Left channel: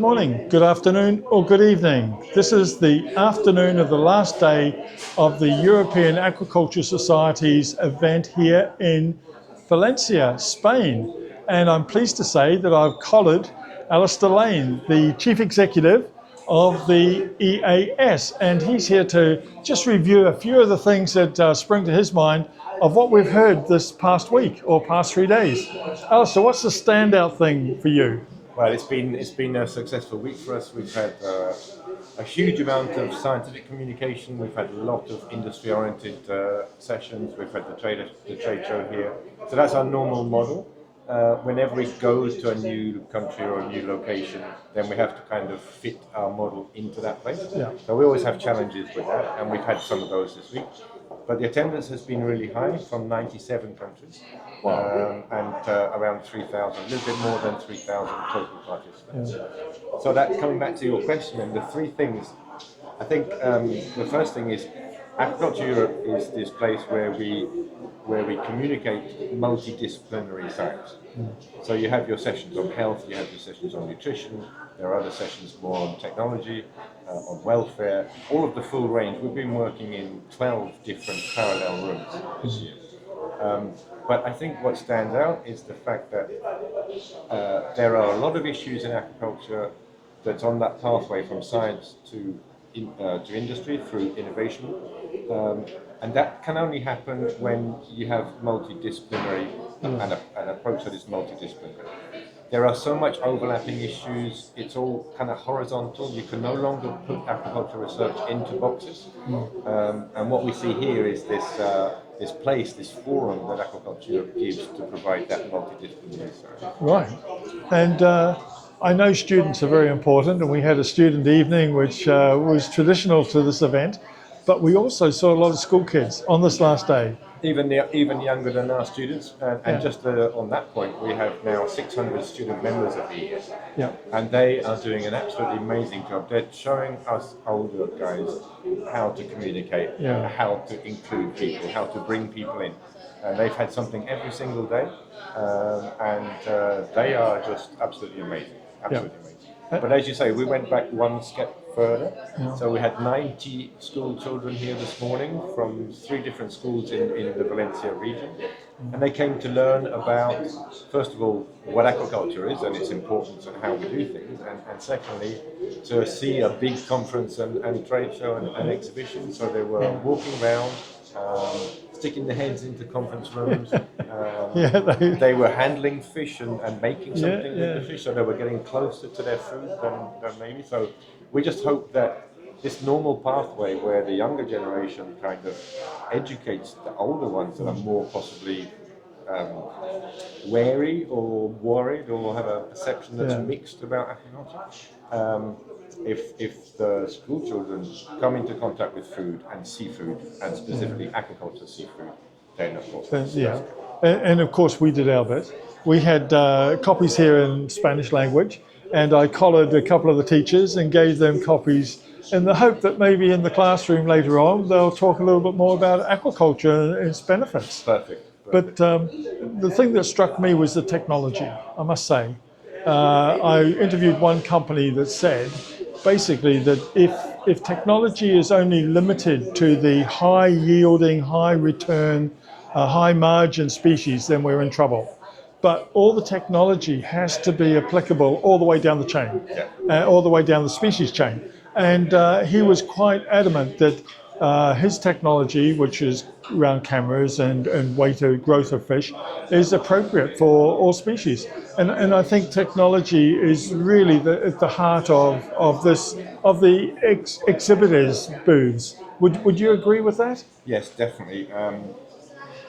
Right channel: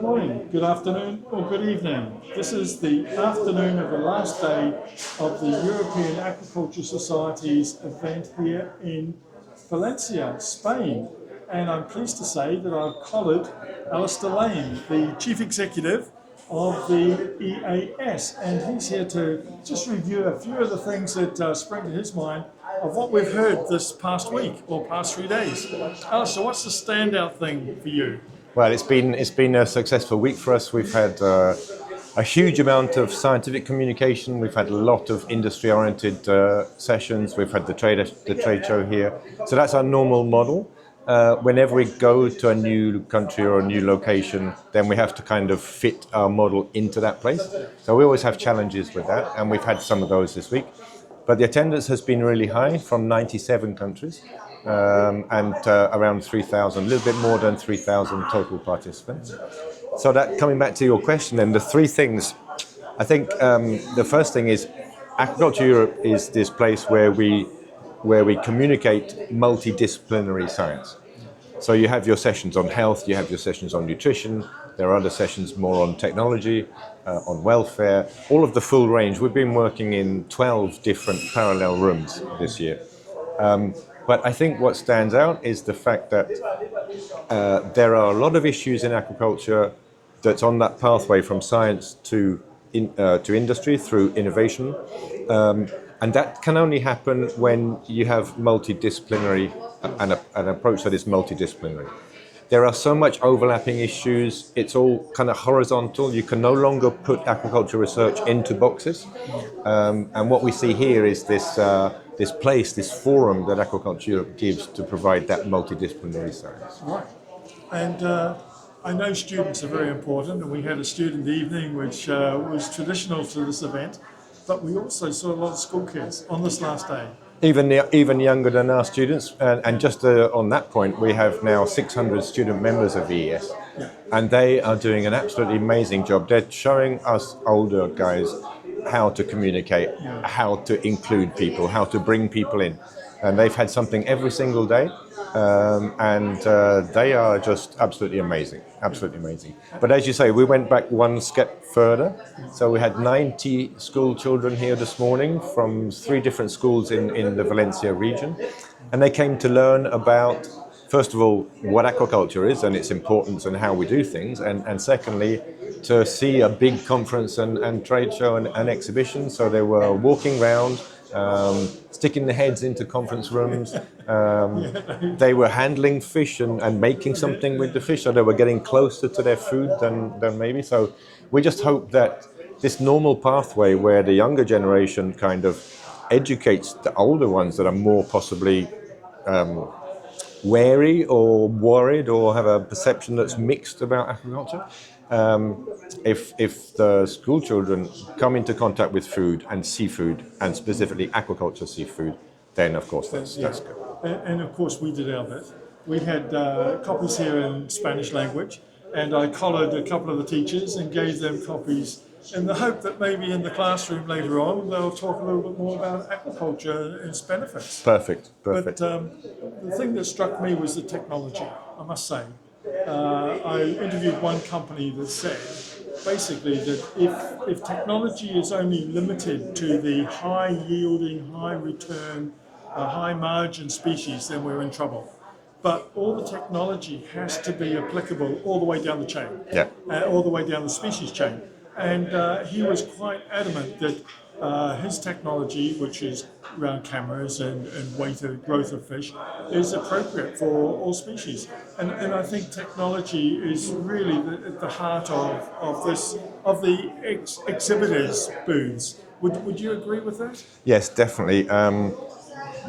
Good morning, good afternoon, or good evening. This is the afternoon of the last day of the European Aquaculture Society's event here in Valencia, Spain. And I'm pleased to say that I've collared Alistair Lane, the Chief Executive of the EAS. And he's here to just review a few of the things that spring to his mind of what we've heard this past week or past 3 days. Alistair, what's the standout thing for you? Well, it's been a successful week for us. We've had a huge amount of scientific communication. We've had a lot of industry-oriented sessions. We've had the trade show here. So that's our normal model. Whenever we go to a new country or a new location, then we have to kind of fit our model into that place. Yeah. So we always have challenges with that, and we've had some of those this week. But the attendance has been really high from 97 countries. And around 3,000, a little bit more than 3,000 total participants. So that, coming back to your question, then the three things, I think the first thing is Aquaculture Europe is this place where we communicate multi-disciplinary science. So you have your sessions on health, you have your sessions on nutrition, there are other sessions more on technology, on welfare, all of the full range. We've been working in 12 different parallel rooms this year. But I think what stands out is the fact that there are a lot of issues in aquaculture that's on that pathway from science to industry through innovation. And that can only happen when you have multidisciplinary, an approach that is multidisciplinary. There are so much overlapping issues, it's all kind of horizontal. You can no longer put aquaculture research into boxes. And what we see here is this place, this forum that aquaculture gives to provide that multidisciplinary science. Right. And I know students are very important, and we had a student evening which was traditional to this event, but we also saw a lot of school kids on this last day. Even younger than our students, and just on that point, we have now 600 student members of EAS, and they are doing an absolutely amazing job. They're showing us older guys how to communicate, how to include people, how to bring people in, and they've had something every single day, and they are just absolutely amazing. Amazing. But as you say, we went back one step further. So we had 90 school children here this morning from 3 different schools in the Valencia region. And they came to learn about, first of all, what aquaculture is and its importance and how we do things. And secondly, to see a big conference and trade show and exhibition. So they were walking around, sticking their heads into conference rooms. They were handling fish and making something with the fish, so they were getting closer to their food than maybe. So we just hope that this normal pathway where the younger generation kind of educates the older ones that are more possibly wary or worried or have a perception that's mixed about aquaculture. If the school children come into contact with food and seafood, and specifically aquaculture seafood, then of course that's good. And of course we did our bit. We had copies here in Spanish language, and I collared a couple of the teachers and gave them copies in the hope that maybe in the classroom later on they'll talk a little bit more about aquaculture and its benefits. Perfect. But the thing that struck me was the technology, I must say. I interviewed one company that said basically that if technology is only limited to the high yielding, high return, high margin species, then we're in trouble. But all the technology has to be applicable all the way down the chain, all the way down the species chain. And he was quite adamant that his technology, which is around cameras and weighted growth of fish, is appropriate for all species. And I think technology is really at the heart of the exhibitors' booths. Would you agree with that? Yes, definitely.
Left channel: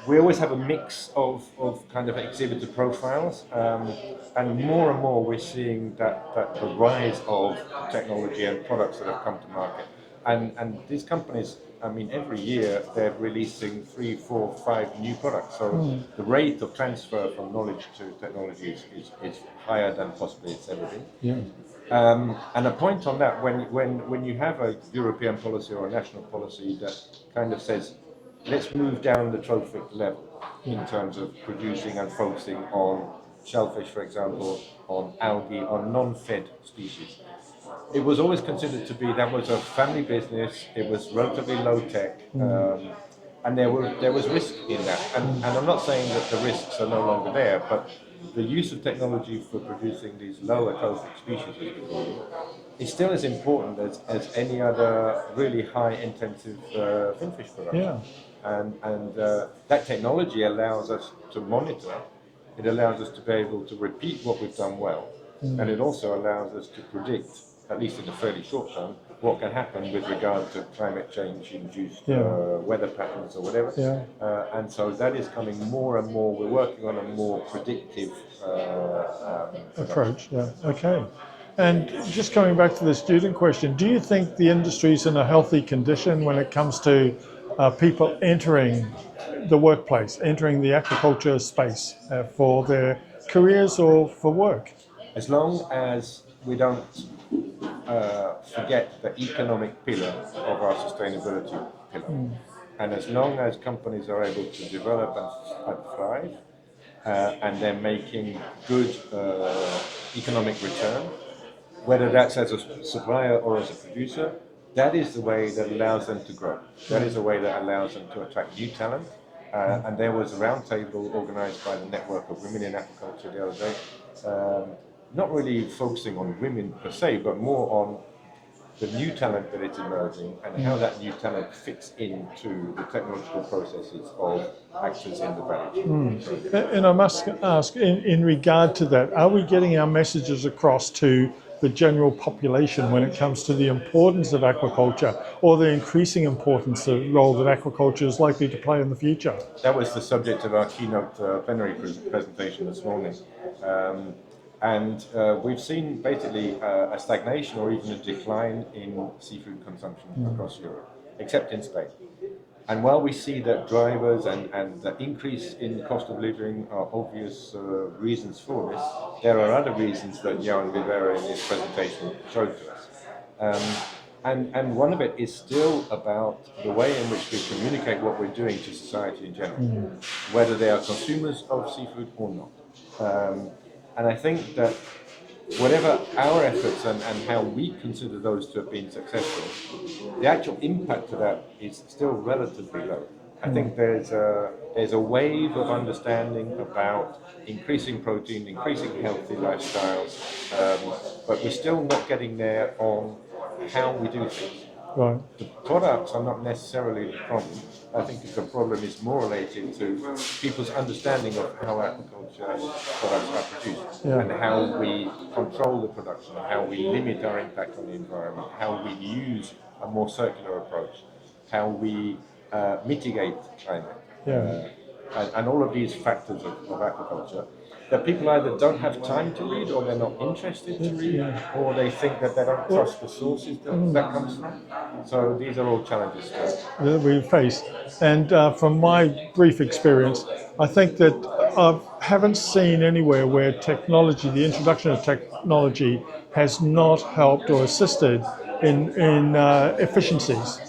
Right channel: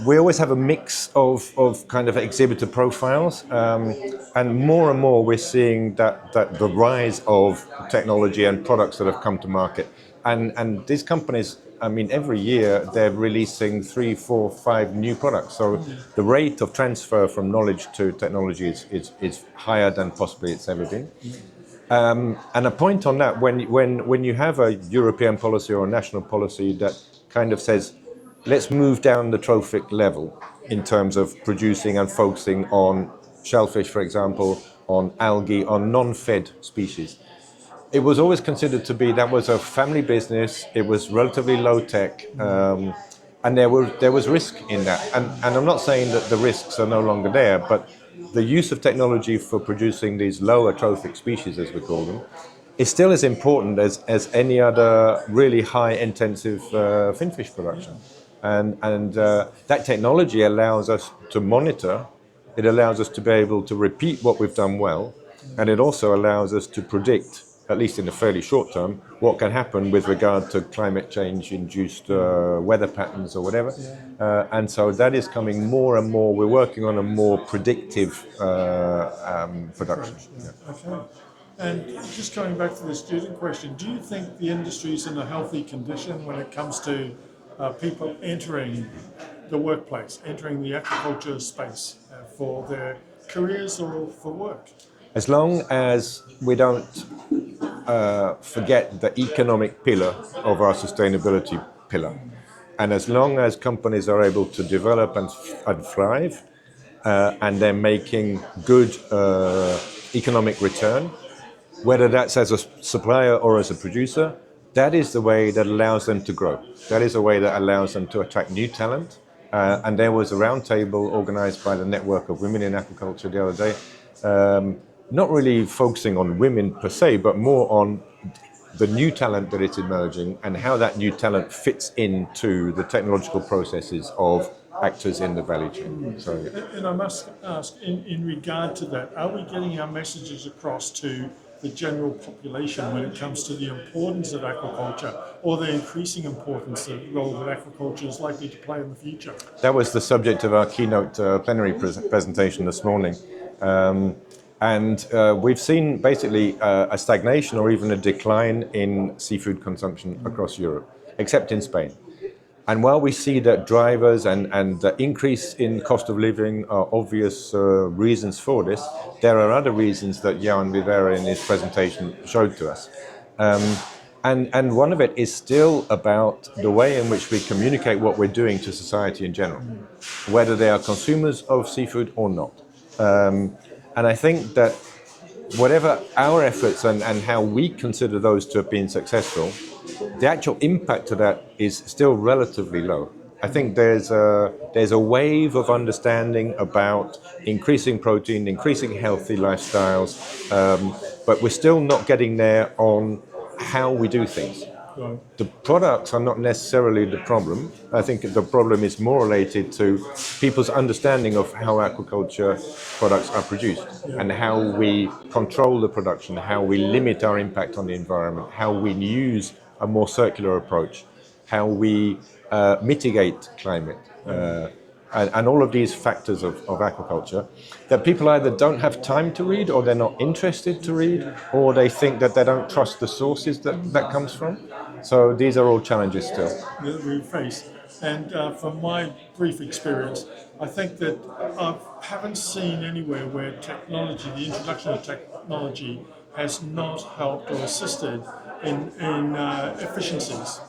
We always have a mix of kind of exhibitor profiles, and more we're seeing that the rise of technology and products that have come to market. And these companies, I mean, every year they're releasing 3, 4, 5 new products. So the rate of transfer from knowledge to technology is higher than possibly it's ever been. And a point on that, when you have a European policy or a national policy that kind of says, let's move down the trophic level in terms of producing and focusing on shellfish, for example, on algae, on non-fed species. It was always considered to be that was a family business. It was relatively low tech, and there was risk in that. And I'm not saying that the risks are no longer there, but the use of technology for producing these lower trophic species, as we call them, is still as important as any other really high intensive finfish production. And that technology allows us to monitor. It allows us to be able to repeat what we've done well, and it also allows us to predict, at least in the fairly short term, what can happen with regard to climate change induced weather patterns or whatever. And so that is coming more and more. We're working on a more predictive production. Approach. Okay. And just coming back to the student question, do you think the industry is in a healthy condition when it comes to people entering the workplace, entering the aquaculture space for their careers or for work? As long as we don't forget the economic pillar of our sustainability pillar, and as long as companies are able to develop and thrive, and they're making good economic return, whether that's as a supplier or as a producer, that is the way that allows them to grow. That is a way that allows them to attract new talent. And there was a roundtable organized by the Network of Women in Aquaculture the other day, not really focusing on women per se, but more on the new talent that is emerging and how that new talent fits into the technological processes of actors in the value chain. And I must ask, in regard to that, are we getting our messages across to the general population when it comes to the importance of aquaculture, or the increasing importance of the role that aquaculture is likely to play in the future? That was the subject of our keynote plenary presentation this morning. And we've seen basically a stagnation or even a decline in seafood consumption across Europe, except in Spain. And while we see that drivers and the increase in cost of living are obvious reasons for this, there are other reasons that Jan Vivera in his presentation showed to us. And one of it is still about the way in which we communicate what we're doing to society in general, whether they are consumers of seafood or not. And I think that whatever our efforts and how we consider those to have been successful, the actual impact of that is still relatively low. I think there's a wave of understanding about increasing protein, increasing healthy lifestyles, but we're still not getting there on how we do things. Right. The products are not necessarily the problem. I think the problem is more related to people's understanding of how aquaculture products are produced and how we control the production, how we limit our impact on the environment, how we use a more circular approach, how we mitigate climate. And all of these factors of aquaculture that people either don't have time to read, or they're not interested to read, or they think that they don't trust the sources that comes from. So these are all challenges still that we face. And from my brief experience, I think that I haven't seen anywhere where technology, the introduction of technology, has not helped or assisted in efficiencies.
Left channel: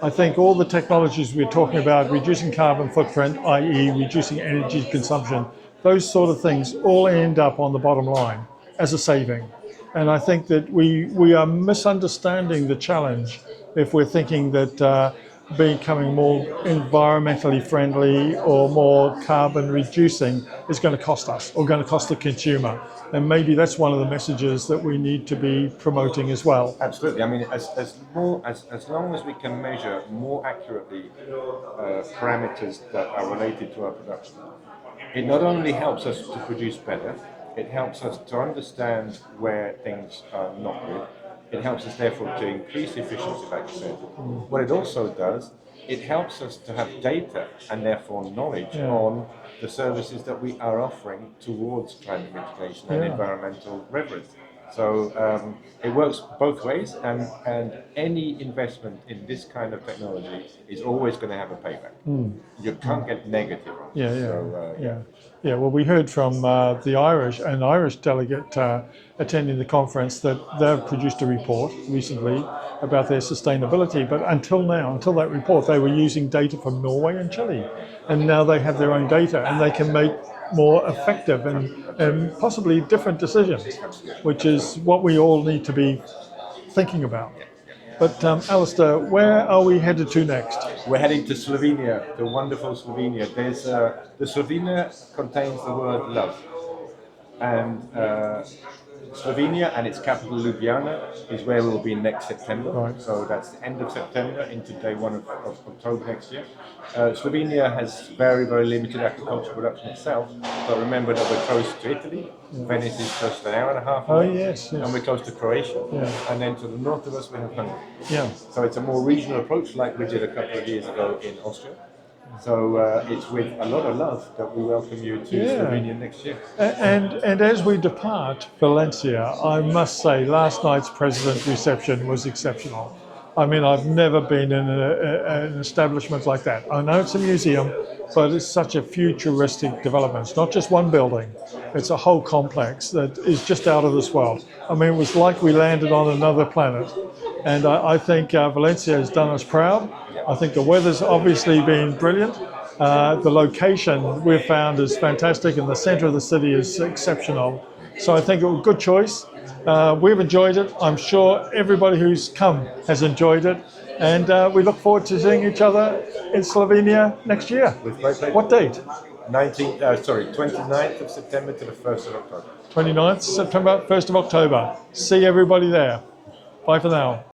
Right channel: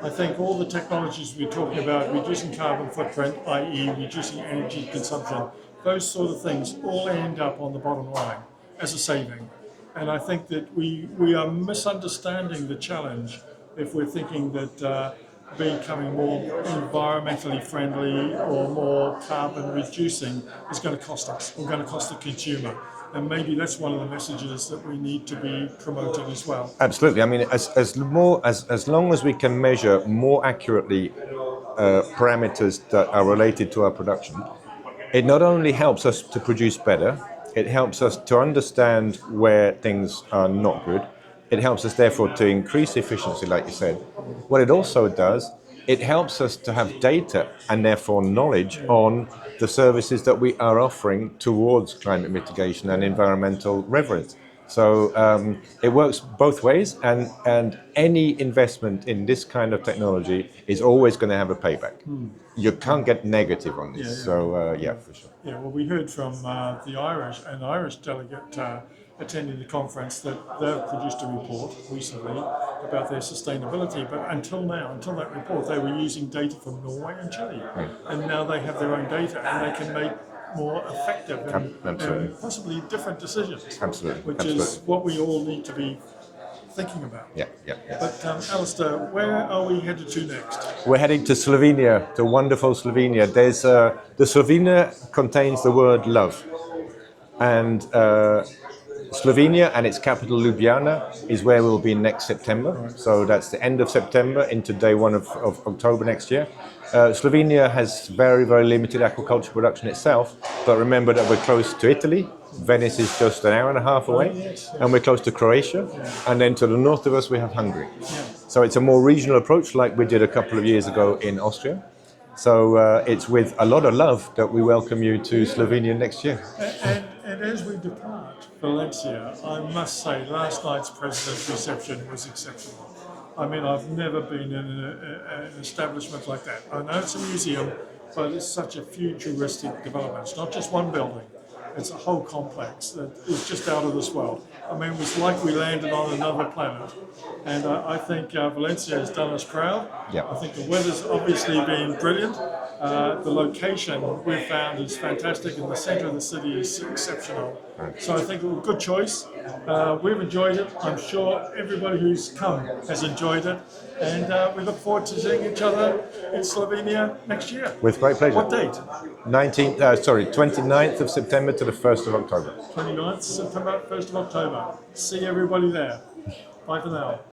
I think all the technologies we're talking about, reducing carbon footprint, i.e. reducing energy consumption, those sort of things all end up on the bottom line as a saving. And I think that we are misunderstanding the challenge if we're thinking that becoming more environmentally friendly or more carbon reducing is going to cost us or going to cost the consumer. And maybe that's one of the messages that we need to be promoting as well. Absolutely. I mean, as long as we can measure more accurately parameters that are related to our production, it not only helps us to produce better, it helps us to understand where things are not good. It helps us, therefore, to increase efficiency, like you said. What it also does, it helps us to have data and therefore knowledge on the services that we are offering towards climate mitigation and environmental reverence. So it works both ways, and any investment in this kind of technology is always going to have a payback. You can't get negative on this. For sure. Yeah, well, we heard from the Irish delegate attending the conference that they've produced a report recently about their sustainability, but until that report, they were using data from Norway and Chile. And now they have their own data, and they can make more effective and Absolutely. possibly different decisions, Absolutely. which Absolutely. is what we all need to be thinking about. Yeah, yeah. But Alistair, where are we headed to next? We're heading to Slovenia, to wonderful Slovenia. The Slovenia contains the word love, and Slovenia and its capital Ljubljana is where we'll be next September. Right. So that's the end of September into day one of October next year. Slovenia has very, very limited aquaculture production itself, but remember that we're close to Italy. Venice is just an hour and a half away, yes. and we're close to Croatia, Yeah. and then to the north of us we have Hungary. Yeah. So it's a more regional approach like we did a couple of years ago in Austria. So it's with a lot of love that we welcome you to Slovenia next year. And as we depart Valencia, I must say last night's president reception was exceptional. I mean, I've never been in an establishment like that. I know it's a museum, but it's such a futuristic development. It's not just one building, it's a whole complex that is just out of this world. I mean, it was like we landed on another planet. And I think Valencia has done us proud. Yep. I think the weather's obviously been brilliant. The location we've found is fantastic, and the centre of the city is exceptional. So I think it was a good choice. We've enjoyed it. I'm sure everybody who's come has enjoyed it. And we look forward to seeing each other in Slovenia next year. With great pleasure. What date? 29th of September to the 1st of October. 29th September, 1st of October. See everybody there. Bye for now.